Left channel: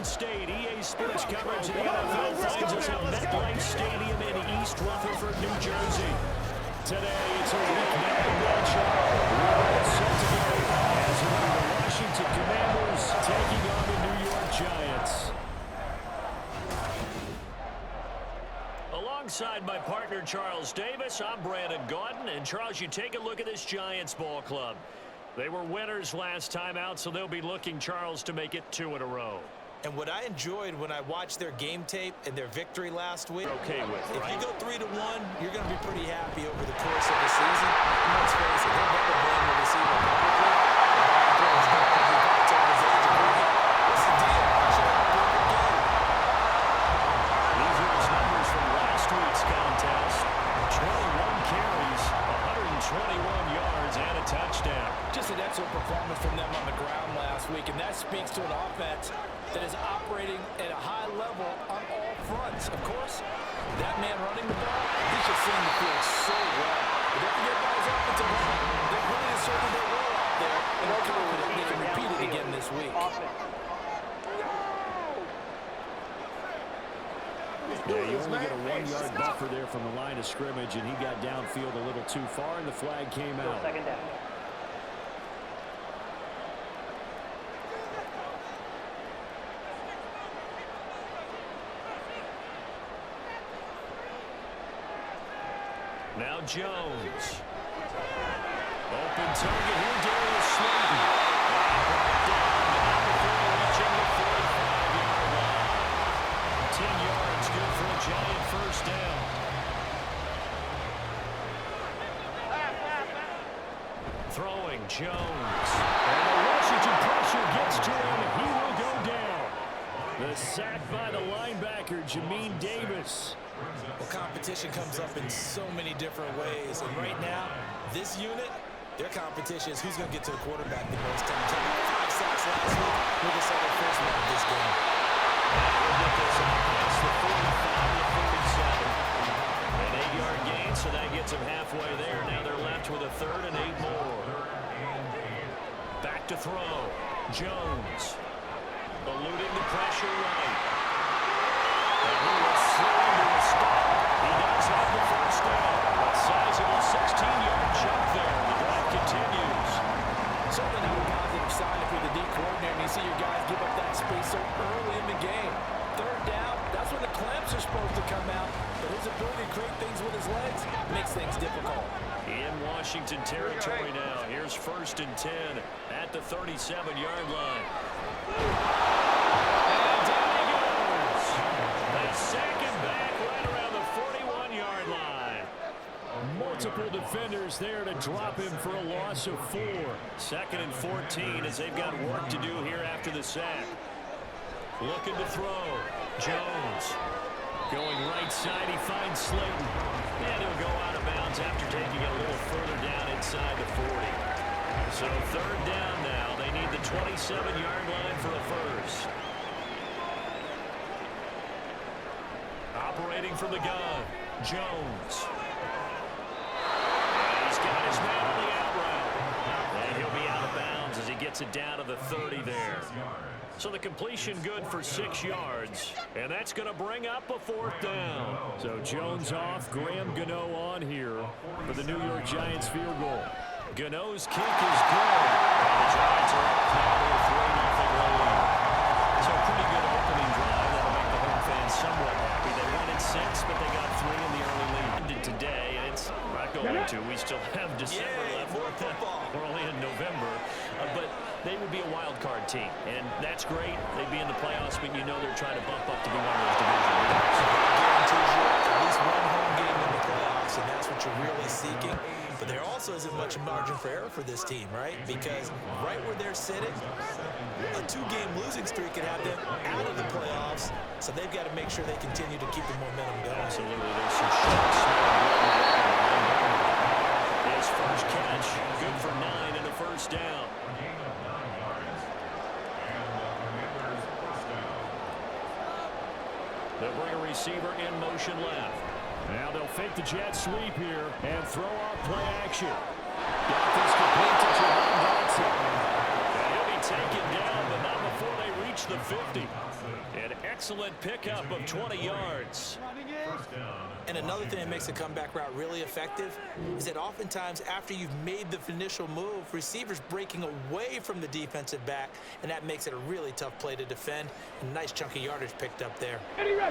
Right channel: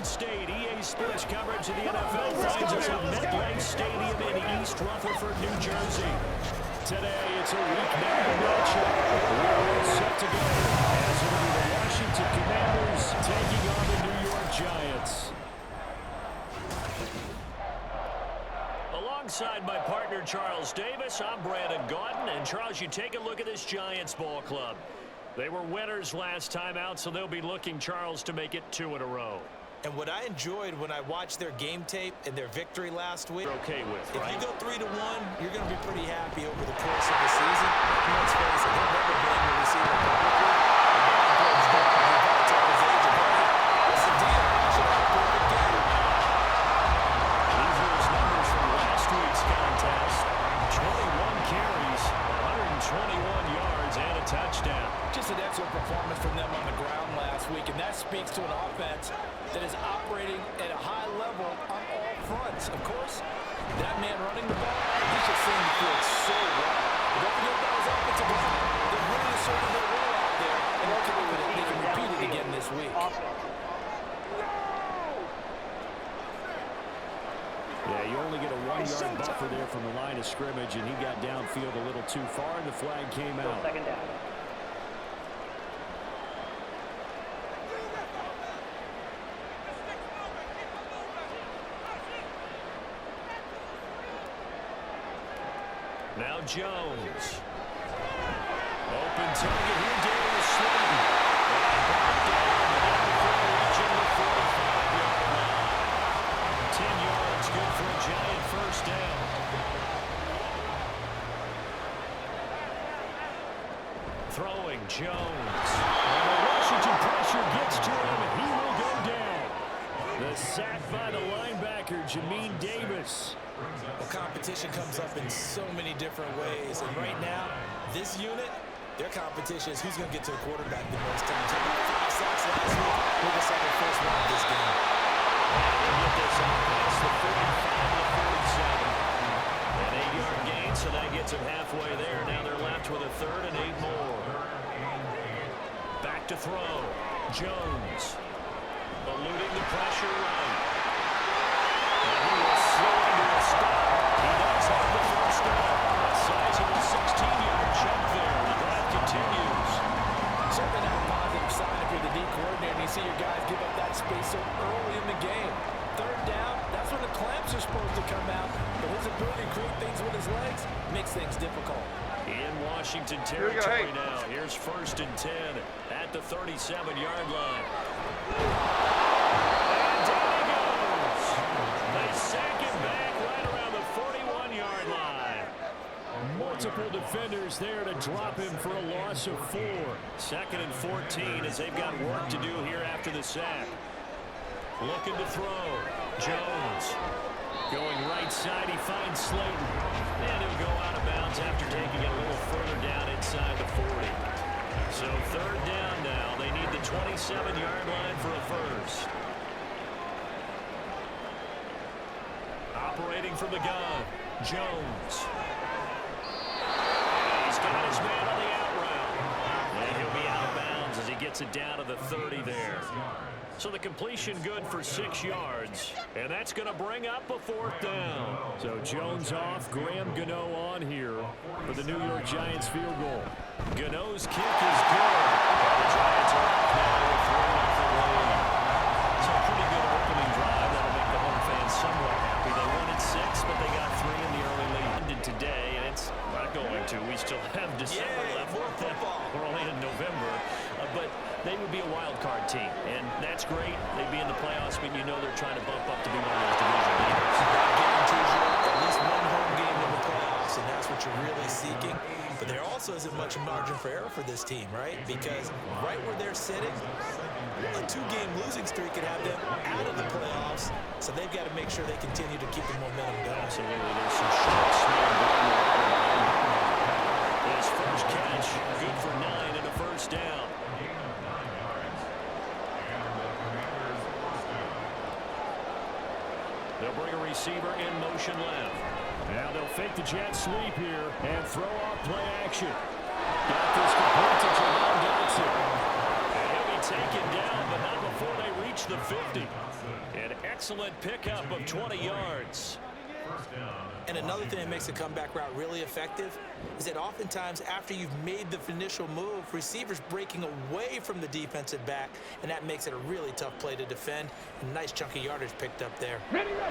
Garden State. EA Sports coverage of the NFL finds us at MetLife Stadium in East Rutherford, New Jersey. Today, it's a Week 9 matchup. We're all set to go as it'll be the Washington Commanders taking on the New York Giants. Alongside my partner, Charles Davis, I'm Brandon Gaudin. And, Charles, you take a look at this Giants ball club. They were winners last time out, so they'll be looking, Charles, to make it 2 in a row. And what I enjoyed when I watched their game tape and their victory last week, okay with, right? If you go 3-1, you're going to be pretty happy over the course of the season. Let's face it, they'll never blame the receiver publicly. The ball throws down because he probably told his agent, hey, what's the deal? I should have a perfect game. These are his numbers from last week's contest. 21 carries, 121 yards, and a touchdown. Just an excellent performance from them on the ground last week, and that speaks to an offense that is operating at a high level on all fronts. Of course, that man running the ball, he's just seeing the field so well. But don't forget about his offensive line. They've really asserted their role out there, and they're confident they can repeat it again this week. Yeah, you only get a 1-yard buffer there from the line of scrimmage, and he got downfield a little too far, and the flag came out. Second down. Now Jones. Open target here, Darius Slayton. And brought down before reaching the 45-yard line. 10 yards, good for a Giant first down. Throwing Jones. And the Washington pressure gets to him, and he will go down. The sack by the linebacker, Jamin Davis. Well, competition comes up in so many different ways. And right now, this unit, their competition is who's going to get to the quarterback the most times. They got 5 sacks last week. We're going to say their first one of this game. And he'll get this out past the 45 to 47. An 8-yard gain, so that gets him halfway there. Now they're left with a 3rd and 8 more. Back to throw. Jones. Eluding the pressure right. And he will slow into a stop. He does have the first down. A sizable 16-yard jump there. The drive continues. Certainly not a positive sign if you're the D coordinator and you see your guys give up that space so early in the game. 3rd down, that's when the clamps are supposed to come out. But his ability to create things with his legs makes things difficult. In Washington territory now. Here's 1st and 10 at the 37-yard line. And down he goes. They sack him back right around the 41-yard line. Multiple defenders there to drop him for a loss of 4. 2nd and 14 as they've got work to do here after the sack. Looking to throw. Jones. Going right side, he finds Slayton. And he'll go out of bounds after taking it a little further down inside the 40. So 3rd down now. They need the 27-yard line for a first. Operating from the gun. Jones. And he's got his man on the out route. And he'll be out of bounds as he gets it down to the 30 there. So the completion good for 6 yards. And that's going to bring up a 4th down. So Jones off, Graham Gano on here for the New York Giants field goal. Gano's kick is good. And the Giants are off now with a 3-0 lead. So a pretty good opening drive. That'll make the home fans somewhat happy. They wanted 6, but they got 3 in the early lead. Ended today, and it's not going to. We still have December left. More football. We're only in November. But they would be a wild card team, and that's great. They'd be in the playoffs, but you know they're trying to bump up to be one of those division leaders. That guarantees you at least one home game in the playoffs, and that's what you're really seeking. But there also isn't much margin for error for this team, right? Because right where they're sitting, a 2-game losing streak could have them out of the playoffs, so they've got to make sure they continue to keep the momentum going. Absolutely. There's some sharp smell blood in the water. His first catch, good for 9 and a first down. They'll bring a receiver in motion left. Now they'll fake the jet sweep here and throw off play action. Got this complete to Jahan Dotson. And he'll be taken down, but not before they reach the 50. An excellent pickup of 20 yards. And another thing that makes a comeback route really effective is that oftentimes after you've made the initial move, receivers breaking away from the defensive back, and that makes it a really tough play to defend. A nice chunk of yardage picked up there. Ready. Go!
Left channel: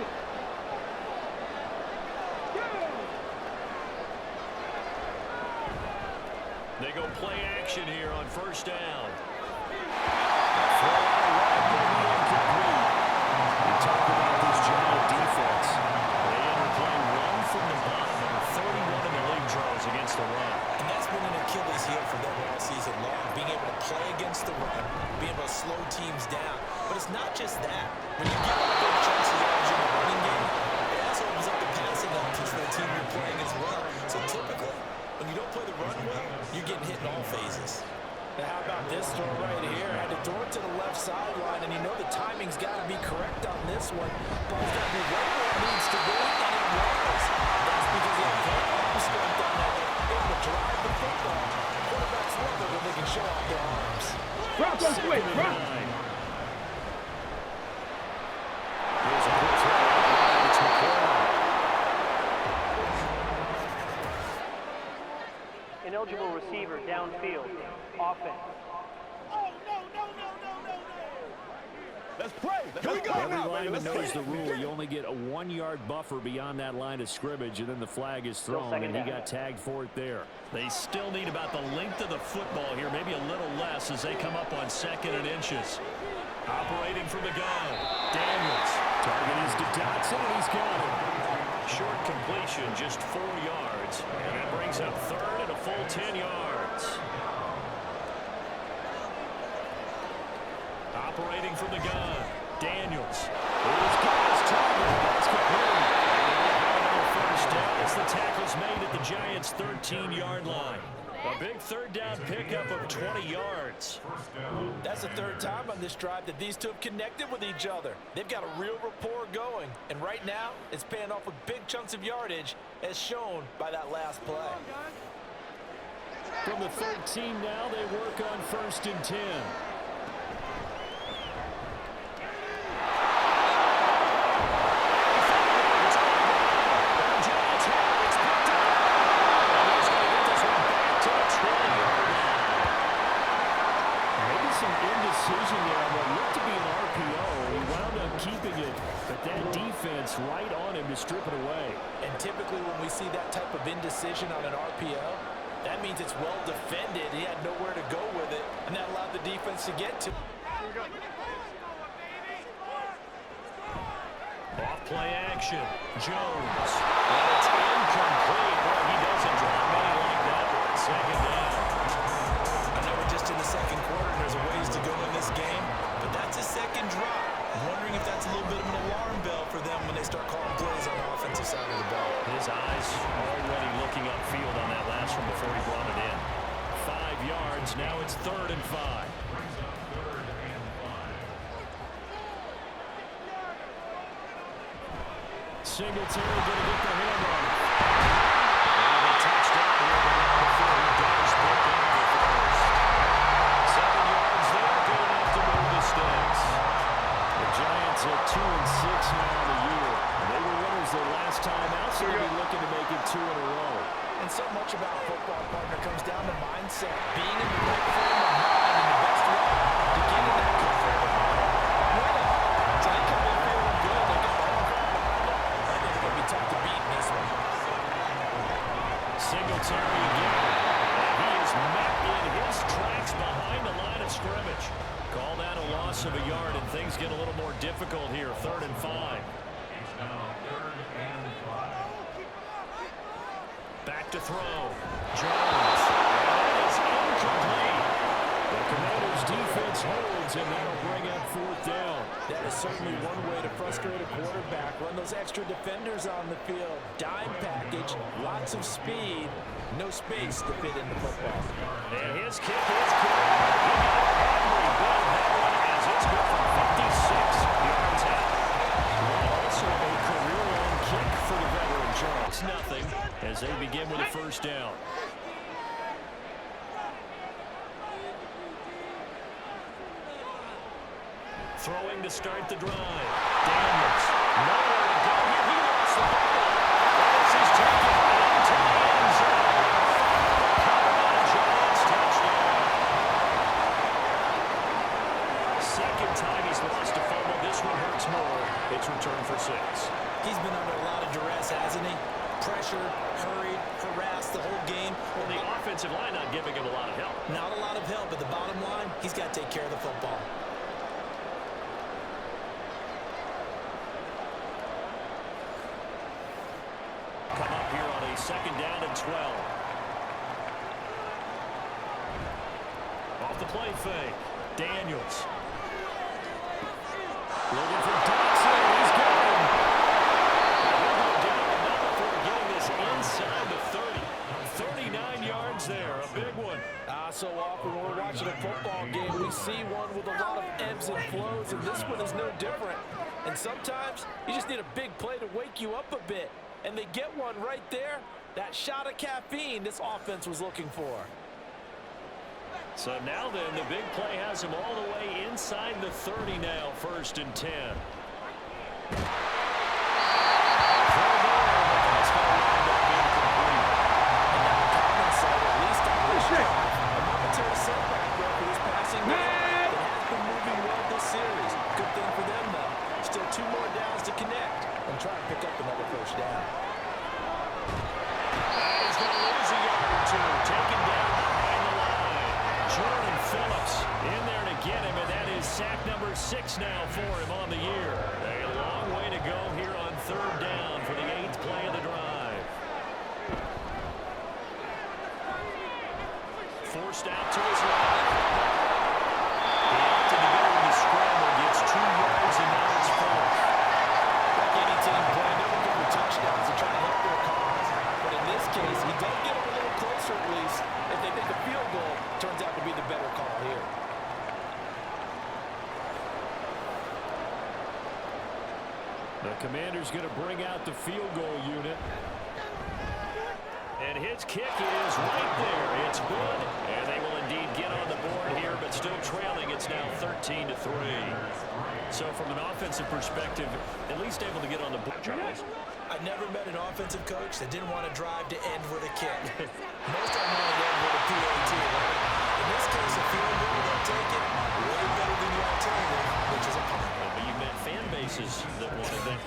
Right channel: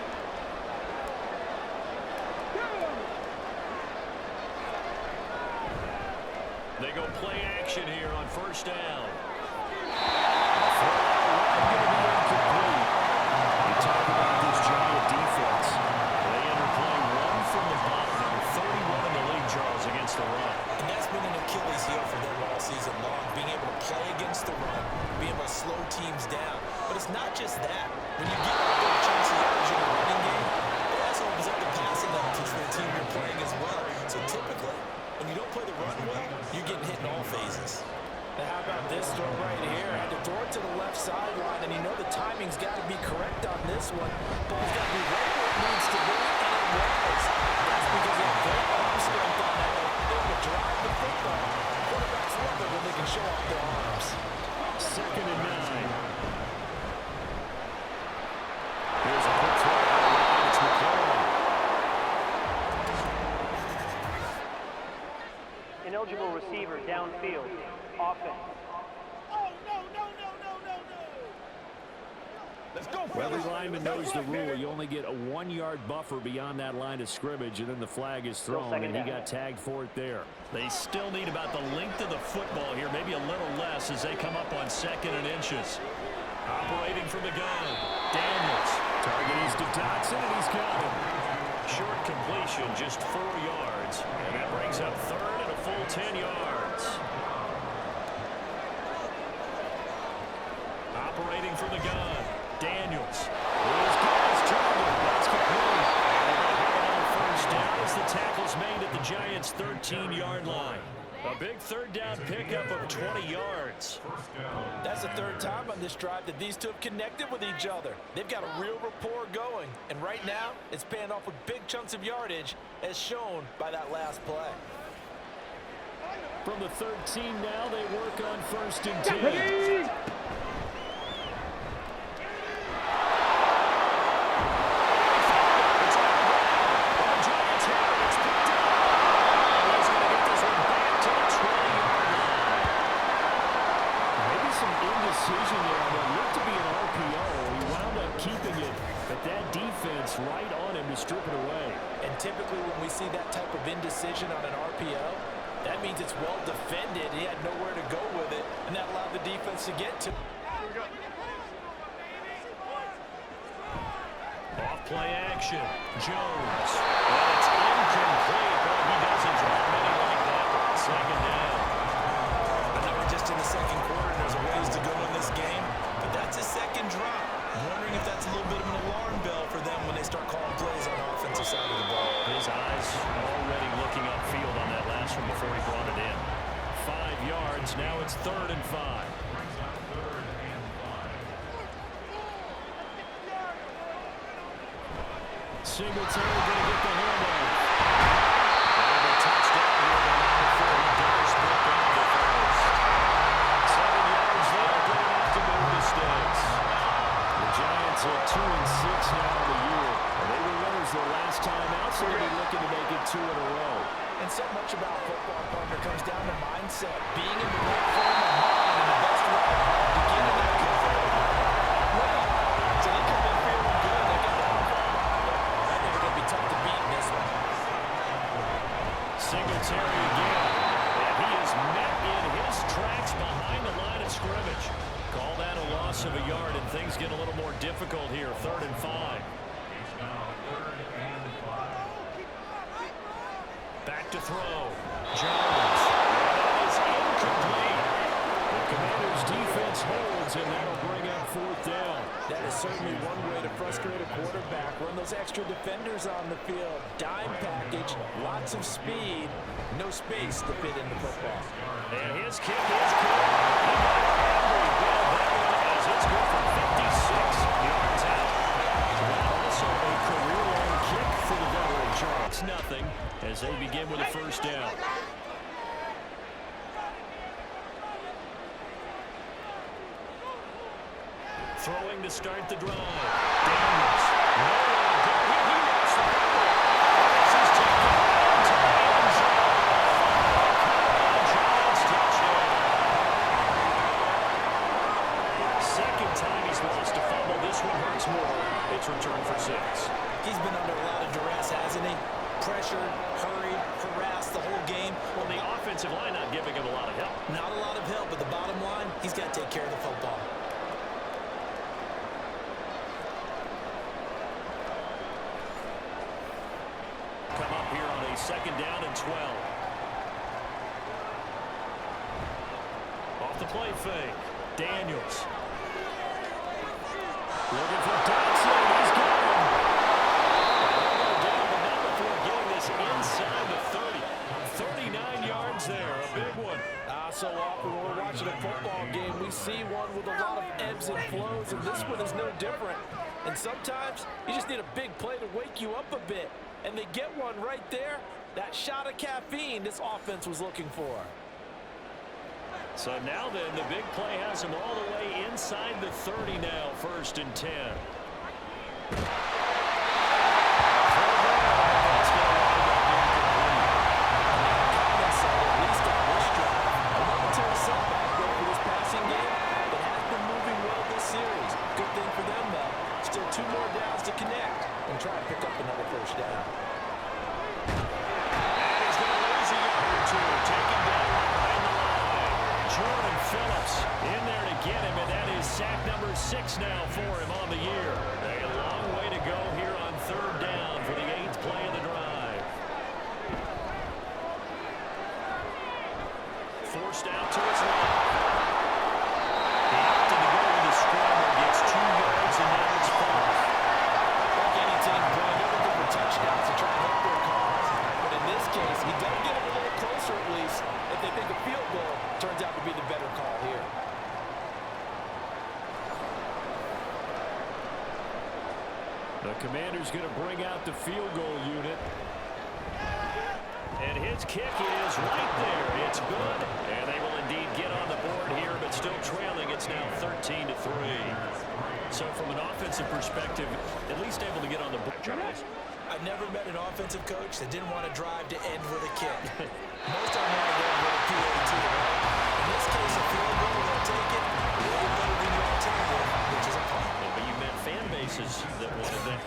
They go play action here on first down. Throw out wide, going to be incomplete. You talk about this Giant defense. They enter play one from the bottom, number 31 in the league, Charles, against the run. And that's been an Achilles heel for them all season long, being able to play against the run, being able to slow teams down. But it's not just that. When you give up big chunks of yardage in the running game, it also opens up the passing options for the team you're playing as well. So typically, when you don't play the run well, you're getting hit in all phases. Now how about this throw right here? Had to throw it to the left sideline, and you know the timing's got to be correct on this one. Ball's got to be right where it needs to be, and it was. That's because he had great arm strength on that one, able to drive the football. Quarterbacks love it when they can show off their arms. Second and 9. Here's a quick throw out wide. It's McLaurin. Ineligible receiver downfield. Offense. Oh, no. Let's play. Every lineman knows the rule. You only get a 1-yard buffer beyond that line of scrimmage, and then the flag is thrown, and he got tagged for it there. They still need about the length of the football here, maybe a little less as they come up on 2nd and inches. Operating from the gun, Daniels. Target is to Dotson, and he's got him. Short completion, just 4 yards, and that brings up 3rd and a full 10 yards. Operating from the gun, Daniels. His guy's target, that's complete. And they're going to have another first down as the tackle's made at the Giants' 13-yard line. A big 3rd down pickup of 20 yards. That's the 3rd time on this drive that these two have connected with each other. They've got a real rapport going, and right now it's paying off with big chunks of yardage as shown by that last play. From the 13 now, they work on 1st and 10. Indecision there on what looked to be an RPO. He wound up keeping it, but that defense right on him to strip it away. And typically when we see that type of indecision on an RPO, that means it's well defended. He had nowhere to go with it, and that allowed the defense to get to. Off play action, Jones. And it's incomplete. Boy, he doesn't drop many like that one. 2nd down. I know we're just in the 2nd quarter and there's a ways to go in this game, but that's a 2nd drop. I'm wondering if that's a little bit of an alarm bell for them when they start calling plays on the offensive side of the ball. His eyes already looking upfield on that last one before he brought it in. 5 yards, now it's 3rd and 5. Singletary going to get the handoff. And a touchdown here, but not before he does pick up the first. 7 yards there, good enough to move the sticks. The Giants at 2-6 now in the year. And they were winners their last time out, so they'll be looking to make it 2 in a row. And so much about football, partner, comes down to mindset. Being in the right frame of mind and the best way to get in that good frame of mind, winning. So they come in feeling good. They got the home crowd behind them. I think they're going to be tough to beat in this one. Singletary again. And he is met in his tracks behind the line of scrimmage. Call that a loss of a yard, and things get a little more difficult here. 3rd and 5. Back to throw. Jones. And that is incomplete. The Commanders' defense holds, and that'll bring up 4th down. That is certainly one way to frustrate a quarterback. Run those extra defenders on the field. Dime package, lots of speed, no space to fit in the football. And his kick is good. He got every bit of that one as it's good from 56 yards out. That also a career-long kick for the veteran Charles. Nothing as they begin with a 1st down. Throwing to start the drive. Daniels. Nowhere to go here. He lost the ball. And this is taken into the end zone. Cover on Giants touchdown. Second time he's lost a fumble. This one hurts more. It's returned for 6. He's been under a lot of duress, hasn't he? Pressured, hurried, harassed the whole game. Well, the offensive line not giving him a lot of help. Not a lot of help, but the bottom line, he's got to take care of the football. Come up here on a 2nd down and 12. Off the play fake. Daniels. Looking for Dodson. He's got him. He'll go down, but not before getting this inside the 30. 39 yards there. A big one. So often when we're watching a football game, we see one with a lot of ebbs and flows, and this one is no different. And sometimes you just need a big play to wake you up a bit. And they get one right there. That shot of caffeine this offense was looking for. So now then, the big play has him all the way inside the 30 now, 1st and 10. That's going to wind up incomplete. And now compensate, at least on this drive. A momentary setback there for this passing game that has been moving well this series. Good thing for them, though. Still 2 more downs to connect and try and pick up another 1st down. And he's going to lose a yard or 2. Taken down behind the line. Jordan Phillips in there to get him, and that is sack number 6 now for him on the year. A long way to go here on 3rd down for the 8th play of the drive. Forced out to his left. He opted to go with the scramble, gets 2 yards, and now it's 4th. Like any team, Brian, they're looking for touchdowns to try and help their cause. But in this case, he does get them a little closer at least. If they think a field goal turns out to be the better call here. The Commander's going to bring out the field goal unit. And his kick is right there. It's good. And they will indeed get on the board here, but still trailing. It's now 13-3. So from an offensive perspective, at least able to get on the board, Charles. I've never met an offensive coach that didn't want to drive to end with a kick. Most of them want to end with a PAT, right? In this case, a field goal, they'll take it way better than the alternative, which is a punt. But you met fan bases that wanted that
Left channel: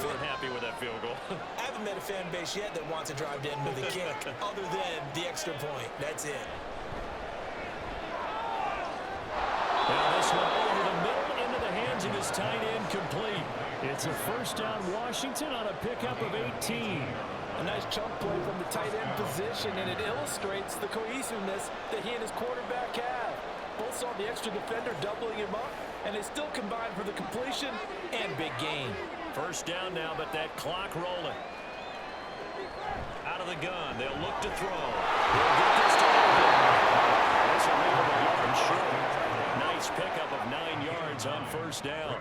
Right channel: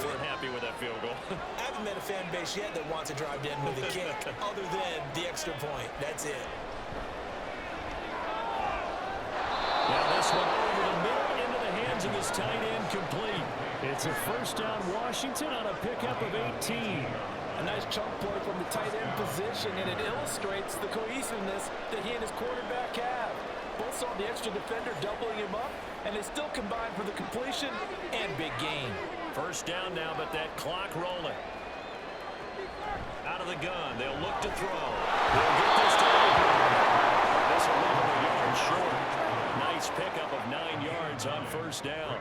weren't happy with that field goal. I haven't met a fan base yet that wants to drive to end with a kick, other than the extra point. That's it. Now this one over the middle into the hands of his tight end, complete. It's a 1st down Washington on a pickup of 18. A nice chunk play from the tight end position, and it illustrates the cohesiveness that he and his quarterback have. Both saw the extra defender doubling him up, and they still combined for the completion and big gain. 1st down now, but that clock rolling. Out of the gun, they'll look to throw. He'll get this to open. This will leave him a yard short. Nice pickup of 9 yards on 1st down.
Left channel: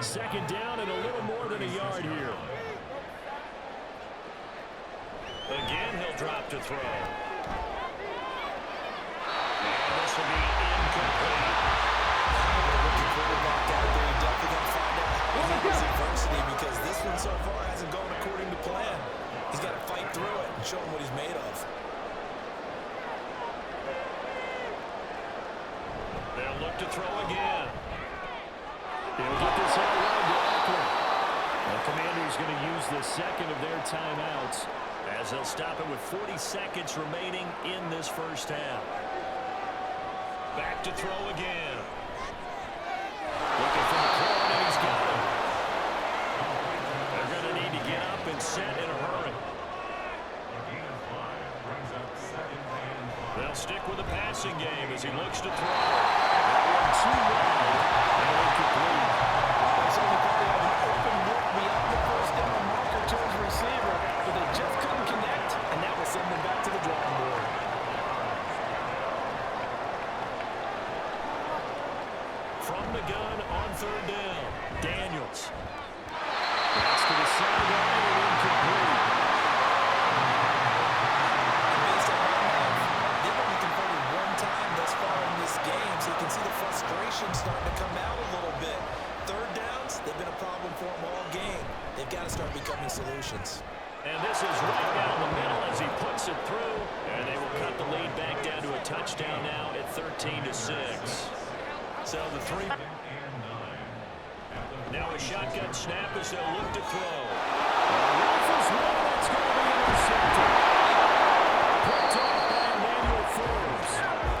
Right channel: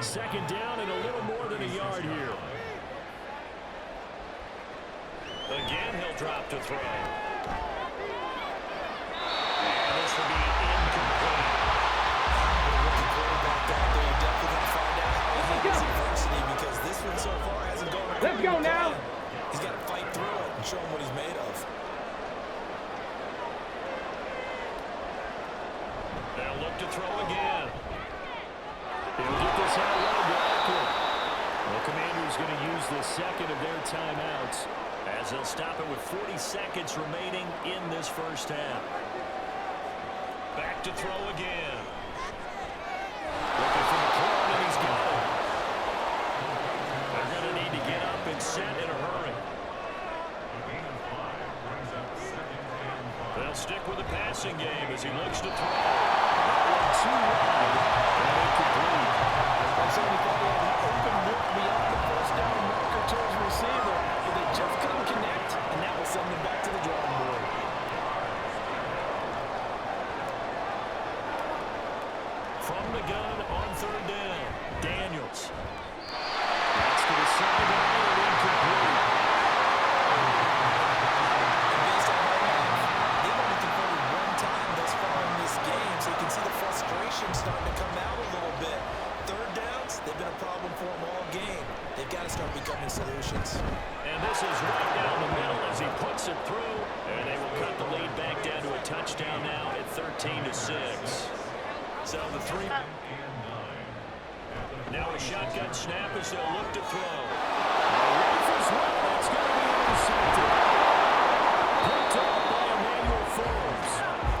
2nd down and a little more than a yard here. Again, he'll drop to throw. And this will be incomplete. With a rookie quarterback out there, you're definitely going to find out how he handles adversity, because this one so far hasn't gone according to plan. He's got to fight through it and show him what he's made of. They'll look to throw again. He'll get this out wide to Eckler. The Commander's going to use the 2nd of their timeouts, as they'll stop it with 40 seconds remaining in this 1st half. Back to throw again. Looking for McLaurin, and he's got him. They're going to need to get up and set in a hurry. They'll stick with the passing game as he looks to throw. That one too wide and incomplete. They certainly thought they had an open look beyond the 1st down marker to his receiver, but they just couldn't connect, and that will send them back to the drawing board. From the gun on 3rd down, Daniels. That's to the sideline and incomplete. They've only converted 1 time thus far in this game, so you can see the frustration starting to come out a little bit. They've been a problem for them all game. They've got to start becoming solutions. And this is right down the middle as he puts it through. And they will cut the lead back down to a touchdown now at 13-6. So the three. Now a shotgun snap as they'll look to throw. Rifles one, that's going to be intercepted. Picked off by Emmanuel Forbes.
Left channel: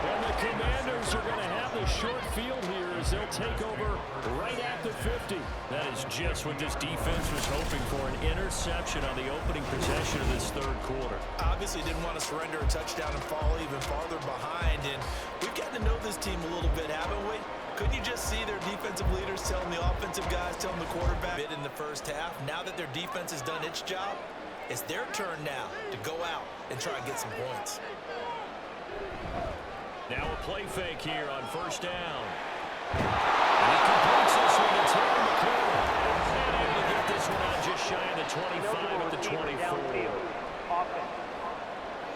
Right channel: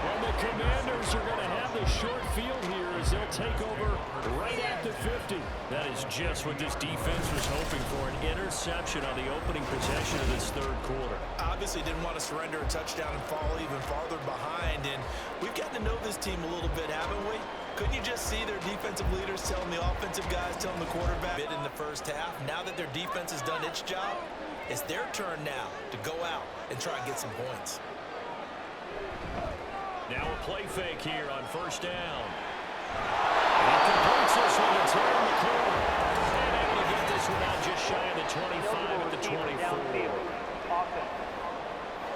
And the Commanders are going to have the short field here as they'll take over right at the 50. That is just what this defense was hoping for, an interception on the opening possession of this third quarter. Obviously didn't want to surrender a touchdown and fall even farther behind. And we've gotten to know this team a little bit, haven't we? Couldn't you just see their defensive leaders telling the offensive guys, telling the quarterback in the first half? Now that their defense has done its job, it's their turn now to go out and try and get some points. Now a play fake here on first down. And he completes this one to Terry McLaurin. And able to get this one out just shy of the 25 at the 24. Downfield. Offense.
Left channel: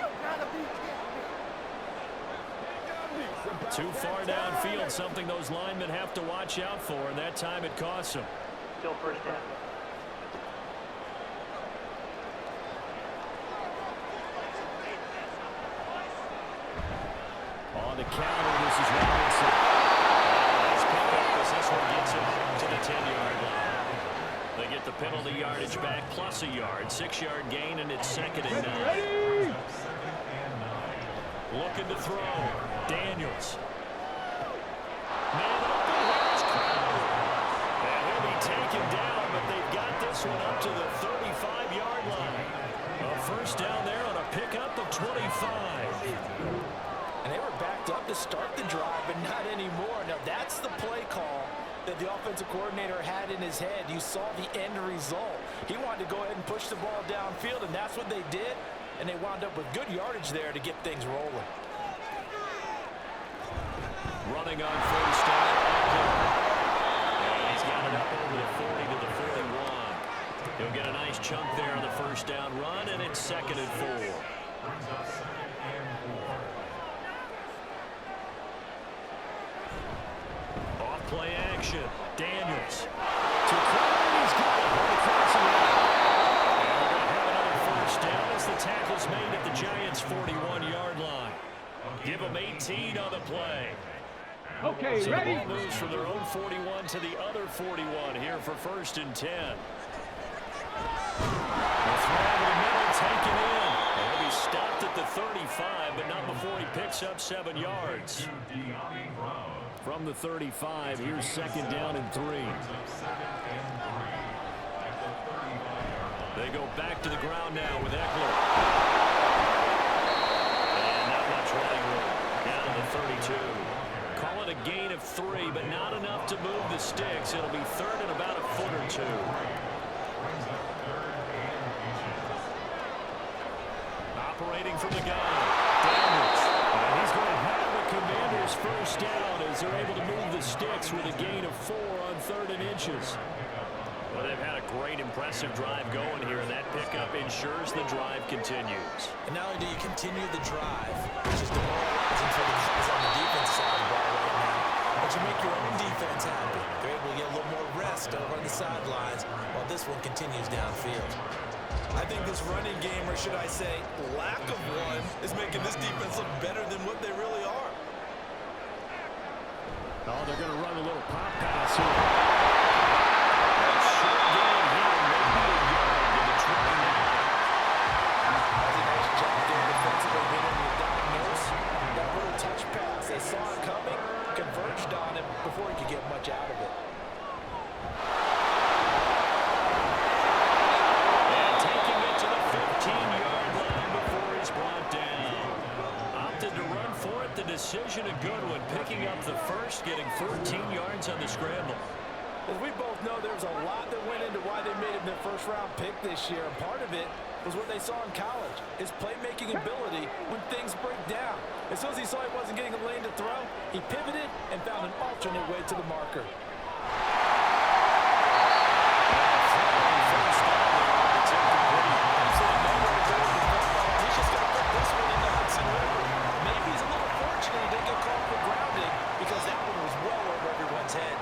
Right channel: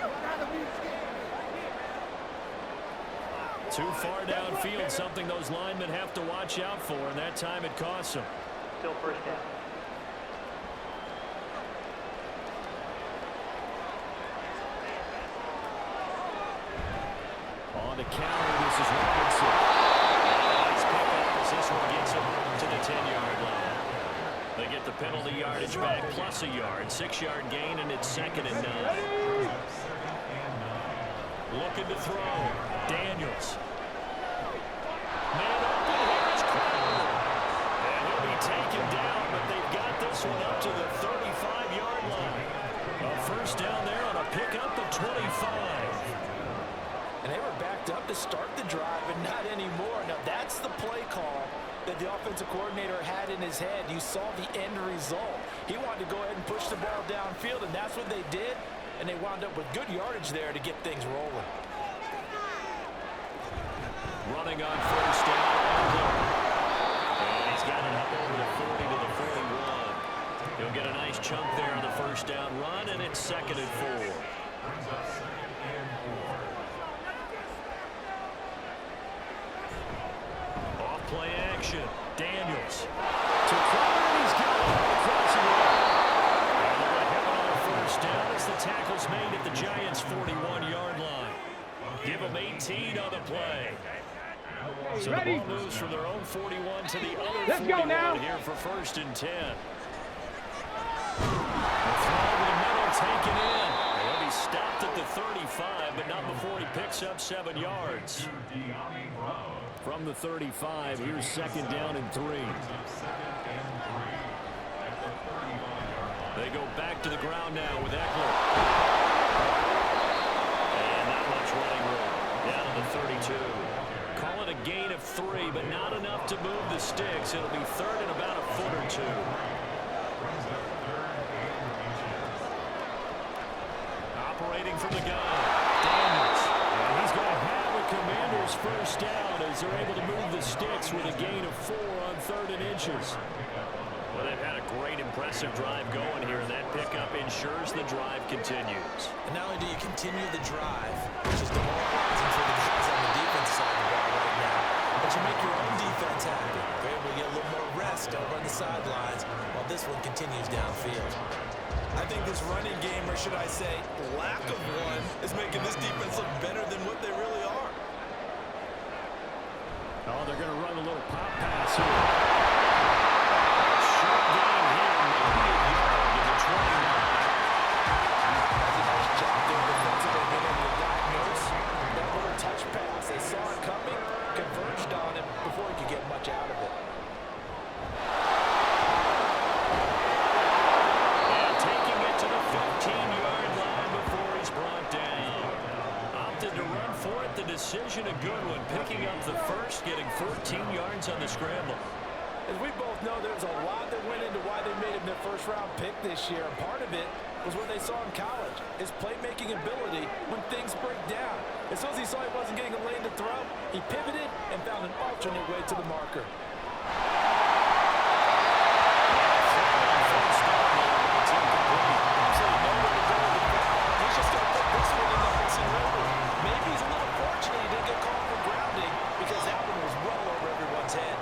You gotta be kidding me. Too far downfield, something those linemen have to watch out for, and that time it costs them. Still first down. On the counter, this is Robinson. Nice pickup as this one gets him to the 10-yard line. They get the penalty yardage back plus a yard. 6-yard gain, and it's 2nd and 9. Looking to throw. Daniels. Man open, here is Crowder. And he'll be taken down, but they've got this one up to the 35-yard line. A first down there on a pickup of 25. And they were backed up to start the drive, but not anymore. Now, that's the play call that the offensive coordinator had in his head. You saw the end result. He wanted to go ahead and push the ball downfield, and that's what they did. And they wound up with good yardage there to get things rolling. Running on first down, Eckler. And he's got it up over the 40 to the 41. He'll get a nice chunk there on the first down run, and it's 2nd and 4. Off play action. Daniels. To Crowder, and he's got it across the line. And they're going to have another first down as the tackle's made at the Giants' 41-yard line. Give them 18 on the play. Okay, So ready? the ball moves from their own 41 to the other 41 here for 1st and 10. The throw over the middle taken in. And he'll be stopped at the 35, but not before he picks up 7 yards. From the 35, here's 2nd down and 3. They go back to the ground now with Eckler. And not much running room. Down to the 32. Call it a gain of 3, but not enough to move the sticks. It'll be 3rd and about a foot or 2. Operating from the gun, Daniels. And he's going to have a Commanders first down as they're able to move the sticks with a gain of 4 on 3rd and inches. Well, they've had a great, impressive drive going here, and that pickup ensures the drive continues. And not only do you continue the drive, which is demoralizing for the guys on the defensive side of the ball right now, but you make your own defense happy. They're able to get a little more rest over on the sidelines while this one continues downfield. I think this running game, or should I say lack of one, is making this defense look better than what they really are. Oh, they're going to run a little pop pass here. Short gain here, maybe a yard to the 29. That's a nice job there defensively, being able to diagnose that little touch pass. They saw it coming, converged on him before he could get much out of it. And taking it to the 15-yard line before he's brought down. Opted to run for it. The decision a good one. Picking up the first, getting 14 yards on the scramble. As we both know, there's a lot that went into why they made him their first-round pick this year. And part of it was what they saw in college, his playmaking ability when things break down. As soon as he saw he wasn't getting a lane to throw, he pivoted and found an alternate way to the marker. First down there, but it's incomplete. Absolutely nowhere to go with the football. He's just going to put this one in the Hudson River. Maybe he's a little fortunate he didn't get called for grounding because that one was well over everyone's head.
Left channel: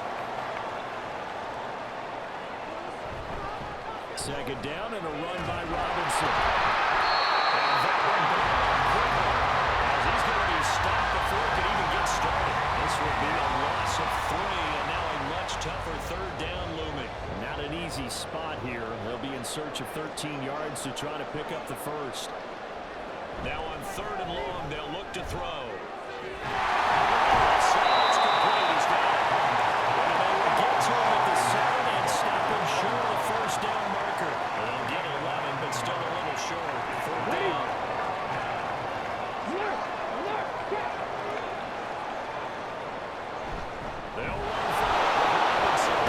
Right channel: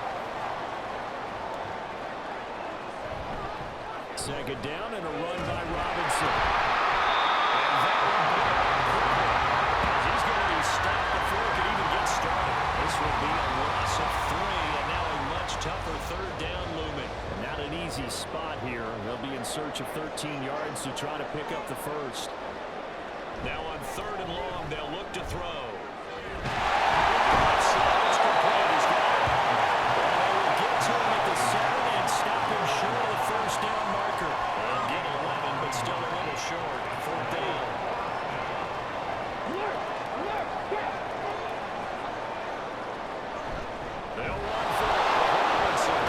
Second down and a run by Robinson. And that one blown up quickly as he's going to be stopped before it could even get started. This would be a loss of 3, and now a much tougher third down looming. Not an easy spot here. They'll be in search of 13 yards to try to pick up the first. Now on 3rd and long, they'll look to throw. Looking left side, it's complete. He's got it. And they will get to him at the 7 and stop him short of the first down marker. They'll get 11, but still a little short. 4th down. They'll run for it with Robinson.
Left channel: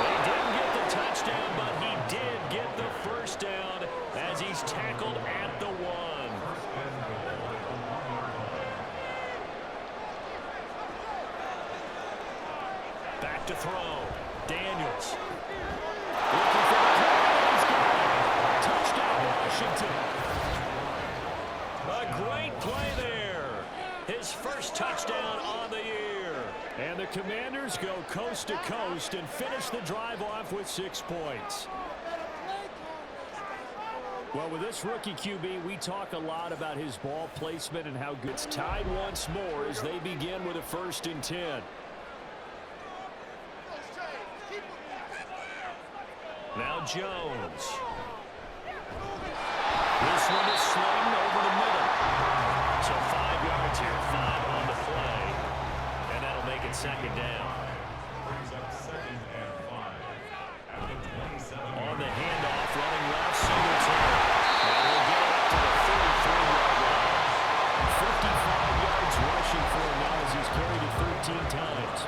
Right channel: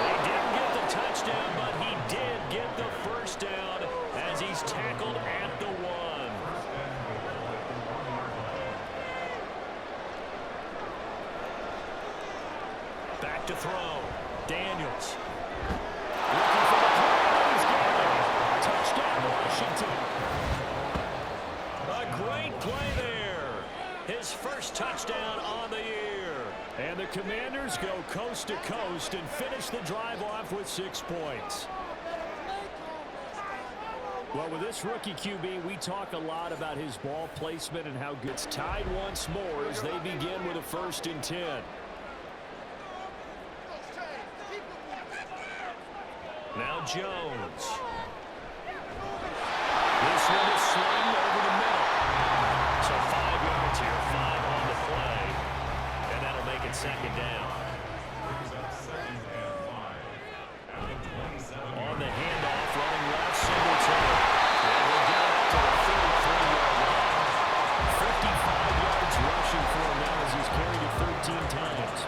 He didn't get the touchdown, but he did get the first down as he's tackled at the 1. Back to throw. Daniels. Looking for the play, and he's got it. Touchdown, Washington. A great play there. His first touchdown on the year. And the Commanders go coast to coast and finish the drive off with 6 points. Well, with this rookie QB, we talk a lot about his ball placement and how good. It's tied once more as they begin with a 1st and 10. Now Jones. This one is sliding over the middle. So 5 yards here, 5 on the play. And that'll make it 2nd down. On the handoff, running left, Singletary. And we'll get it up to the 33-yard line. 55 yards rushing for him now as he's carried it 13 times.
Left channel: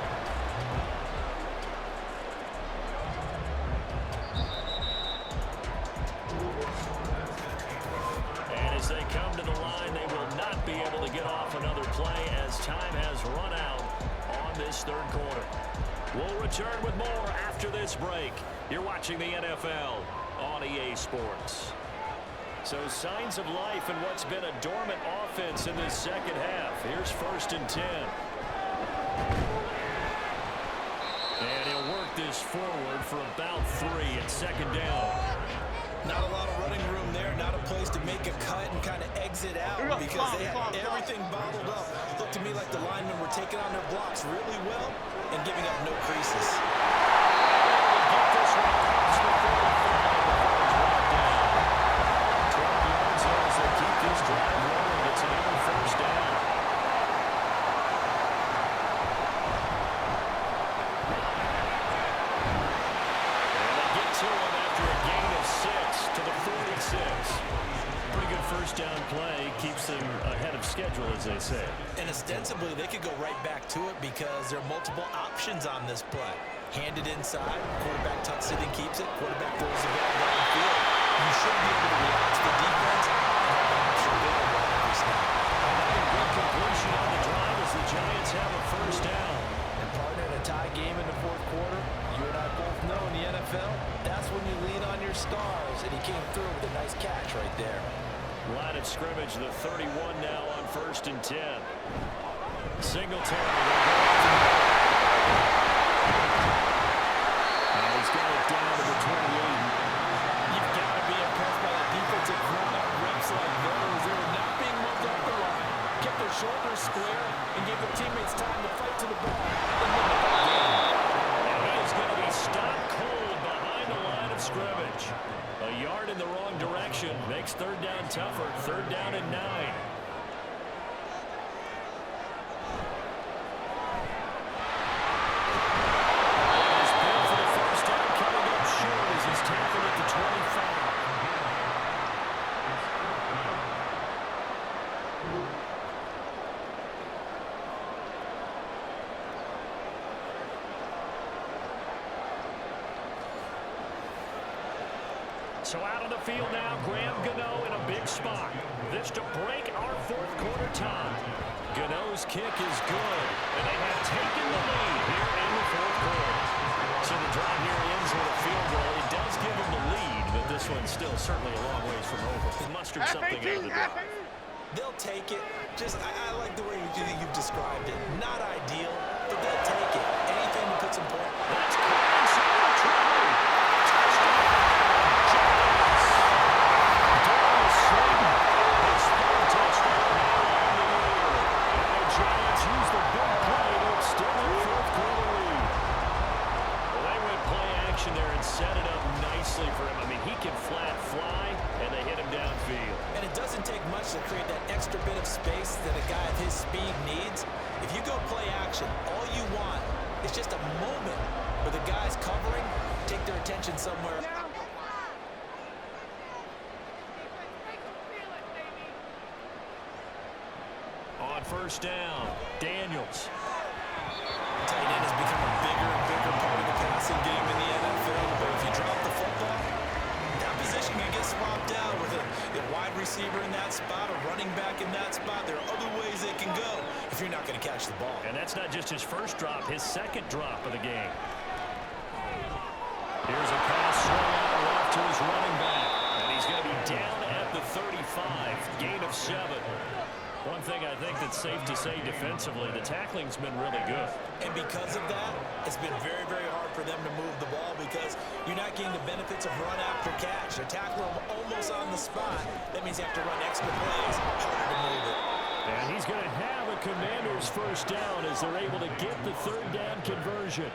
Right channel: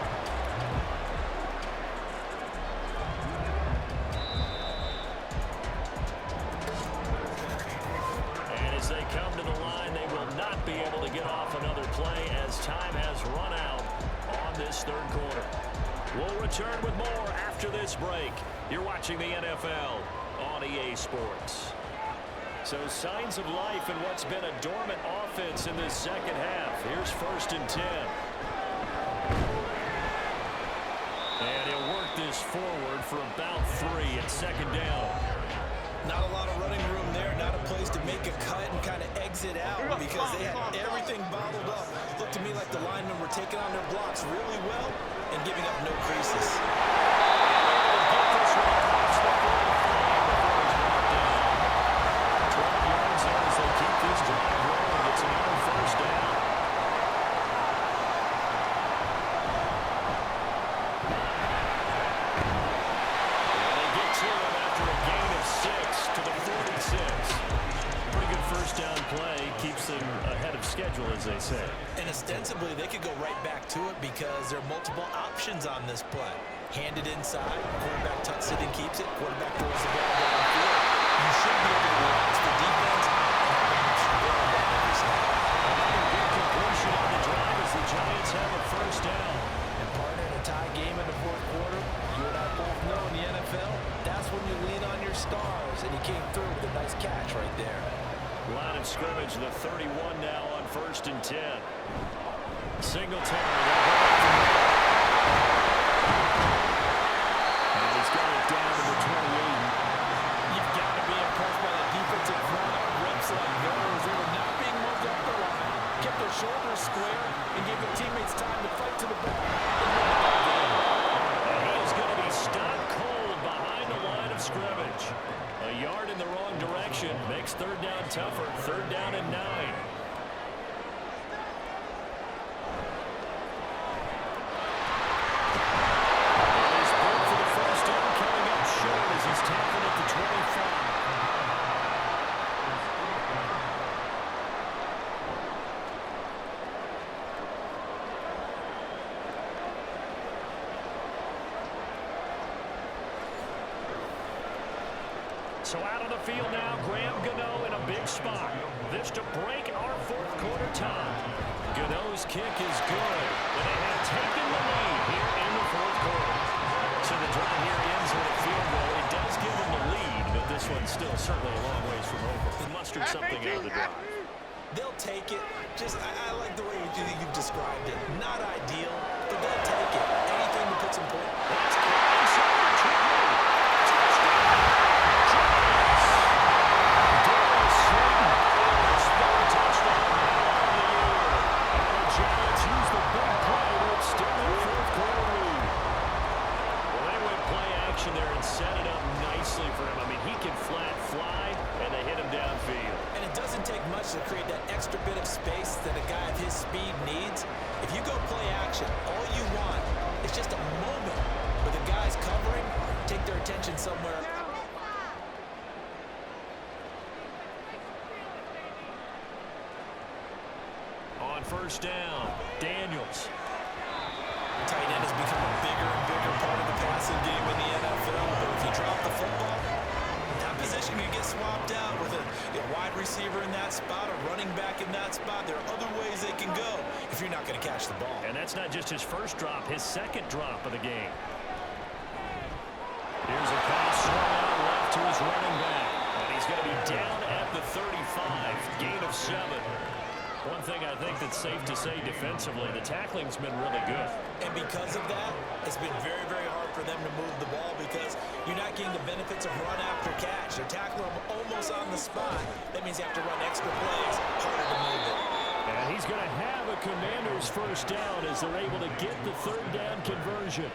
As they come to the line, they will not be able to get off another play as time has run out on this 3rd quarter. We'll return with more after this break. You're watching the NFL on EA Sports. So signs of life in what's been a dormant offense in this 2nd half. Here's 1st and 10. And he'll work this forward for about 3 at 2nd down. Not a lot of running room there, not a place to make a cut and kind of exit out because they had everything bottled up. Looked to me like the linemen were taking on their blocks really well and giving up no creases. Able to get this one across the 45 before he's brought down. 12 yards there as they keep this drive rolling. It's another 1st down. To him after a gain of 6 to the 46. Pretty good 1st down play. Keeps them ahead of schedule, as they say. And ostensibly, they could go right back to it because there are multiple options on this play. Hand it inside, quarterback tucks it and keeps it, quarterback throws the ball downfield. You should be able to react to the defense and have an option available on every snap. Another big completion on the drive as the Giants have a 1st down. And partner, in a tie game in the 4th quarter, you and I both know in the NFL, that's when you lean on your stars, and he came through with a nice catch right there. Line of scrimmage, the 31 now on 1st and 10. Singletary. And he's got it down to the 28. You've got to be impressed by that defensive front on reps like those. They were not being moved up the line, kept their shoulders square, and gave their teammates time to fight to the ball and win the ball game. And he is going to be stopped cold behind the line of scrimmage. A yard in the wrong direction makes 3rd down tougher. 3rd down and 9. And his bid for the 1st down coming up short as he's tackled at the 25. So out on the field now, Graham Gano in a big spot. This to break our 4th quarter tie. Gano's kick is good, and they have taken the lead here in the 4th quarter. So the drive here ends with a field goal. It does give them the lead, but this one's still certainly a long ways from over. They mustered something out of the drive. They'll take it. Just, I like the way you've described it. Not ideal, but they'll take it. Anything to put some points. That's close over the try. protection there and set it up nicely for him. I mean, he can flat fly, and they hit him downfield. And it doesn't take much to create that extra bit of space that a guy of his speed needs. If you go play action, all you want is just a moment where the guy's covering, take their attention somewhere. On first down, Daniels. Tight end has become a bigger and bigger part of the passing game in the NFL. But if you drop the football, that position can get swapped out with a wide receiver in that spot, a running back in that spot. There are other ways they can go if you're not going to catch the ball. And that's not just his first drop, his second drop of the game. Here's a pass swung out left to his running back. And he's going to be down at the 35, gain of 7. One thing I think that's safe to say defensively, the tackling's been really good. And because of that, it's been very, very hard for them to move the ball because you're not getting the benefits of run after catch. They're tackling them almost on the spot. That means you have to run extra plays, harder to move it. And he's going to have a Commanders first down as they're able to get the third down conversion.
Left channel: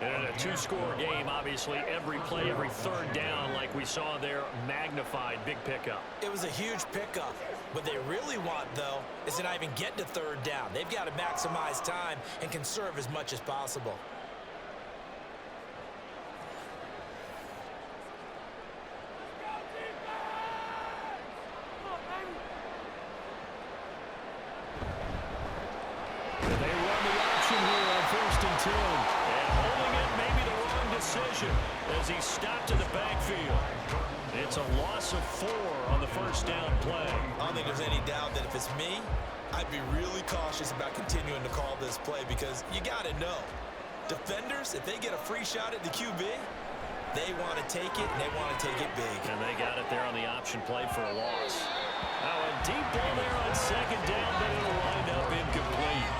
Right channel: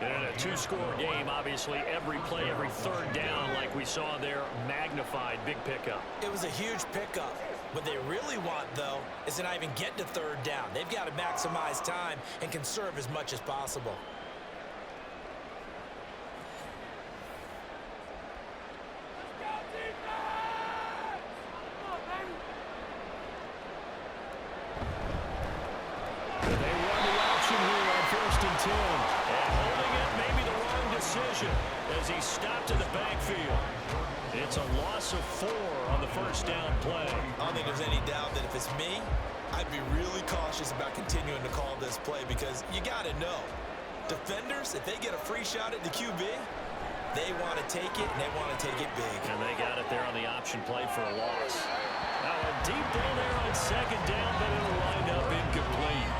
And in a two-score game, obviously, every play, every third down, like we saw there, magnified, big pickup. It was a huge pickup. What they really want, though, is to not even get to third down. They've got to maximize time and conserve as much as possible. They run the option here on 1st and 10. And holding it may be the wrong decision as he stopped in the backfield. It's a loss of 4 on the first down play. I don't think there's any doubt that if it's me, I'd be really cautious about continuing to call this play because you got to know, defenders, if they get a free shot at the QB, they want to take it, and they want to take it big. And they got it there on the option play for a loss. Now a deep ball there on second down, but it'll wind up incomplete.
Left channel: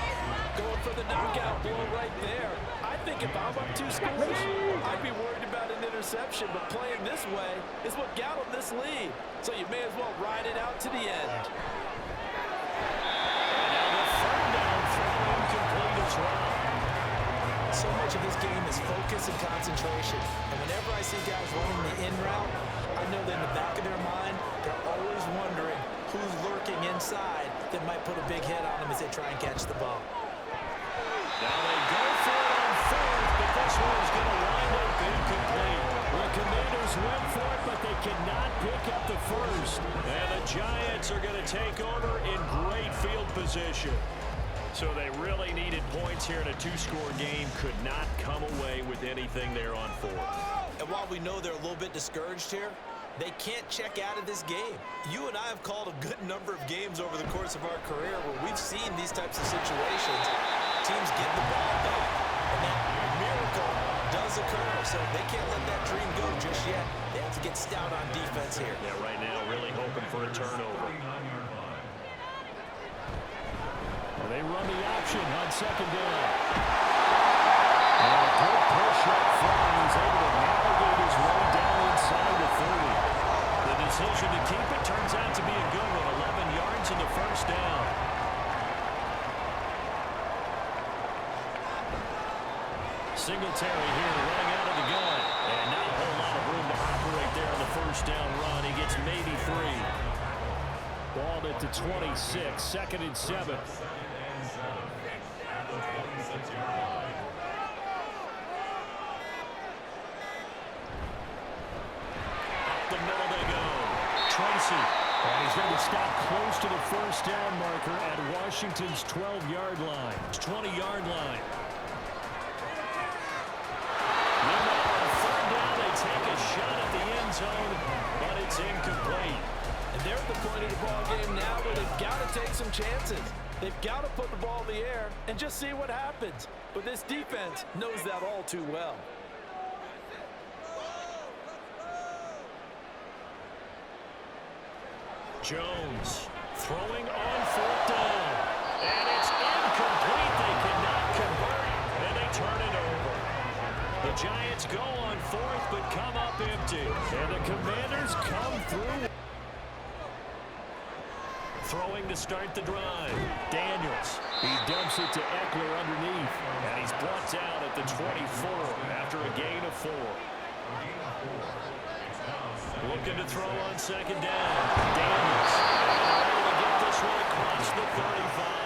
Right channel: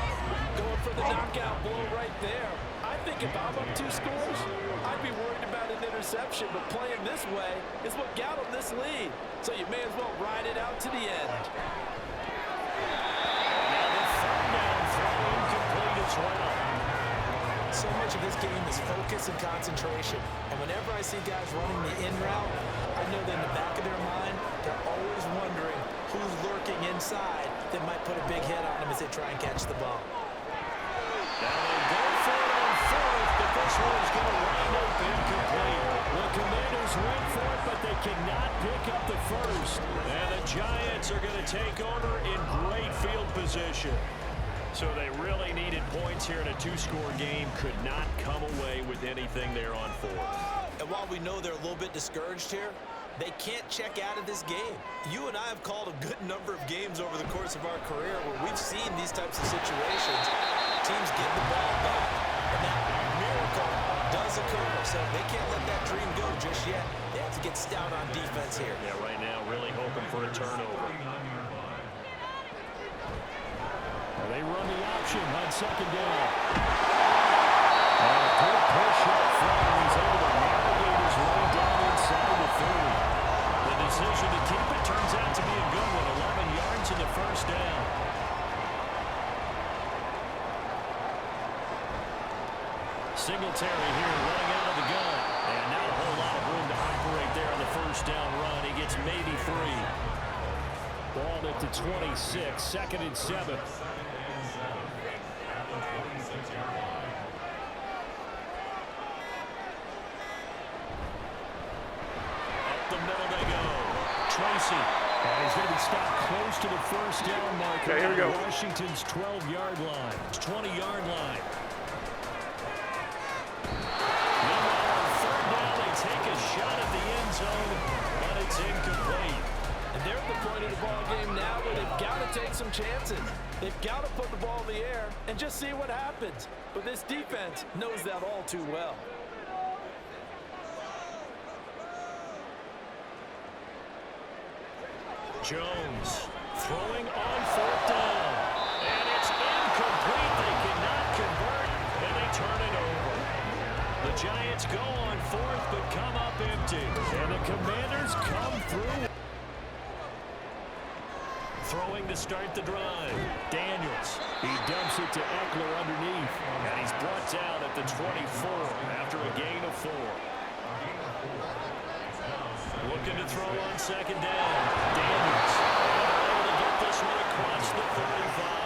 Going for the knockout blow right there. I think if I'm up 2 scores, I'd be worried about an interception, but playing this way is what got them this lead. So you may as well ride it out to the end. And now the third down throw incomplete as well. So much of this game is focus and concentration. And whenever I see guys running the in route, I know that in the back of their mind, they're always wondering who's lurking inside that might put a big hit on them as they try and catch the ball. Now they go for it on 4th, but this one is going to wind up incomplete. The Commanders went for it, but they cannot pick up the first. And the Giants are going to take over in great field position. So they really needed points here in a 2-score game. Could not come away with anything there on 4th. And while we know they're a little bit discouraged here, they can't check out of this game. You and I have called a good number of games over the course of our career where we've seen these types of situations. Teams get the ball back, and that miracle does occur. So they can't let that dream go just yet. They have to get stout on defense here. Yeah, right now really hoping for a turnover. They run the option on second down. And a good push up front, and he's able to navigate his way down inside the 30. The decision to keep it turns out to be a good one. 11 yards in the first down. Singletary here running out of the gun. And not a whole lot of room to operate there on the first down run. He gets maybe 3. Ball at the 26, 2nd and 7. Up the middle they go. Tracy. And he's going to be stopped close to the first down marker at Washington's 12-yard line. 20-yard line. Meanwhile, on third down, they take a shot at the end zone, but it's incomplete. And they're at the point of the ball game now where they've got to take some chances. They've got to put the ball in the air and just see what happens. But this defense knows that all too well. Jones throwing on 4th down. And it's incomplete. They cannot convert, and they turn it over. The Giants go on 4th, but come up empty. And the Commanders come through. Throwing to start the drive. Daniels. He dumps it to Eckler underneath. And he's brought down at the 24 after a gain of 4. Looking to throw on second down. Daniels. And they're able to get this one across the 35.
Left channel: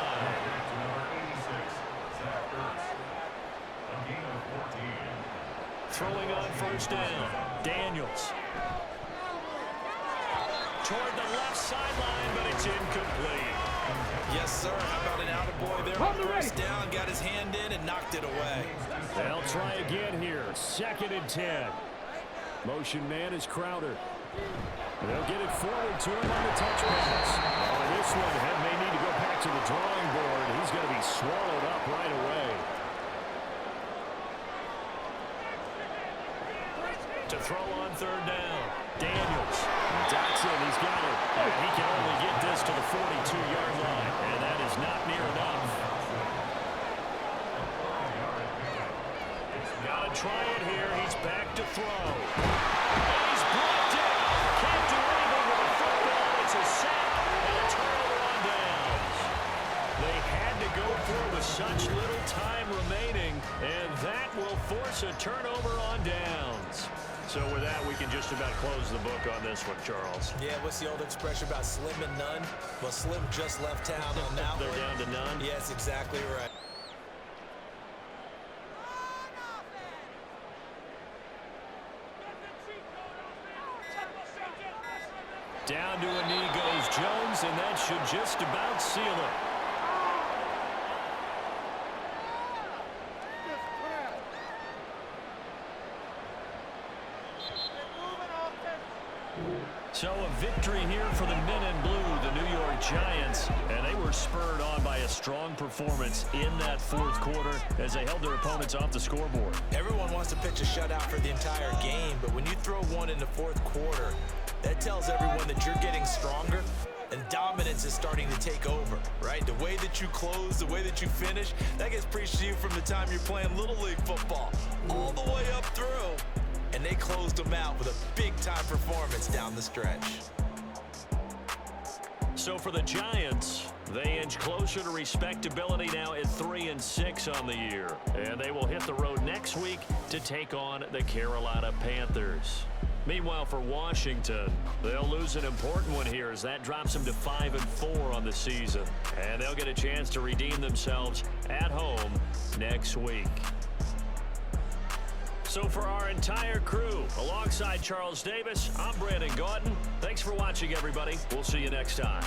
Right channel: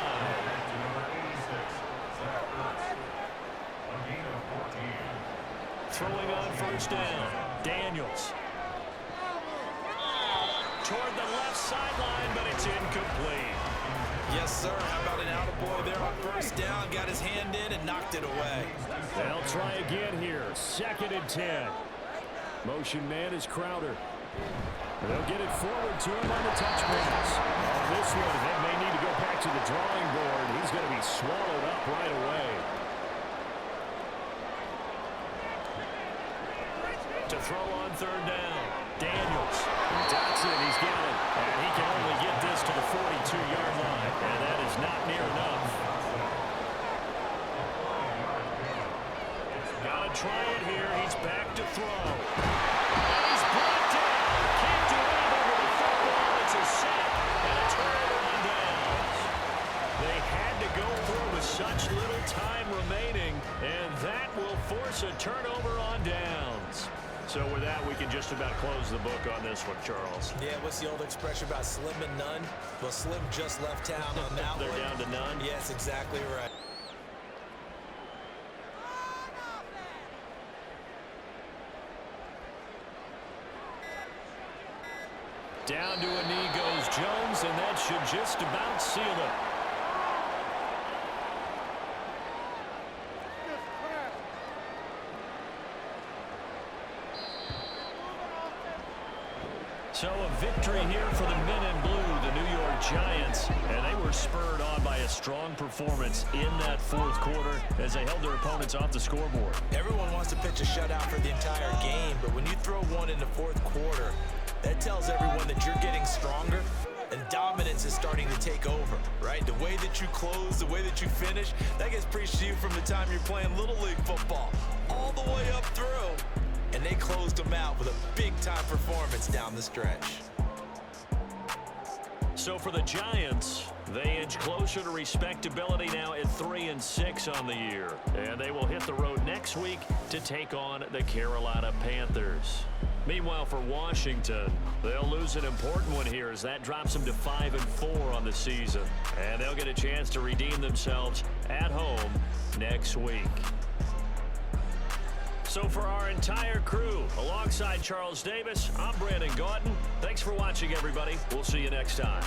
Throwing on first down. Daniels. Toward the left sideline, but it's incomplete. Yes, sir. How about an attaboy there on first down? Got his hand in and knocked it away. They'll try again here. 2nd and 10. Motion man is Crowder. They'll get it forward to him on the touch pass. Oh, this one may need to go back to the drawing board. He's going to be swallowed up right away. To throw on third down. Daniels. Dotson, he's got it. And he can only get this to the 42-yard line. And that is not near enough. Got to try it here. He's back to throw. And he's brought down. Can't do anything with the football. It's a sack and a turnover on downs. They had to go for it with such little time remaining. And that will force a turnover on downs. So with that, we can just about close the book on this one, Charles. Yeah, what's the old expression about slim and none? Well, Slim just left town on that They're one. down to none? Yes, exactly right. Down to a knee goes Jones, and that should just about seal it. So a victory here for the men in blue, the New York Giants, and they were spurred on by a strong performance in that fourth quarter as they held their opponents off the scoreboard. Everyone wants to pitch a shutout for the entire game, but when you throw one in the fourth quarter, that tells everyone that you're getting stronger and dominance is starting to take over, right? The way that you close, the way that you finish, that gets preached to you from the time you're playing Little League football all the way up through. And they closed them out with a big-time performance down the stretch. So for the Giants, they inch closer to respectability now at 3-6 on the year. And they will hit the road next week to take on the Carolina Panthers. Meanwhile, for Washington, they'll lose an important one here as that drops them to 5-4 on the season. And they'll get a chance to redeem themselves at home next week. So for our entire crew, alongside Charles Davis, I'm Brandon Gautin. Thanks for watching, everybody. We'll see you next time.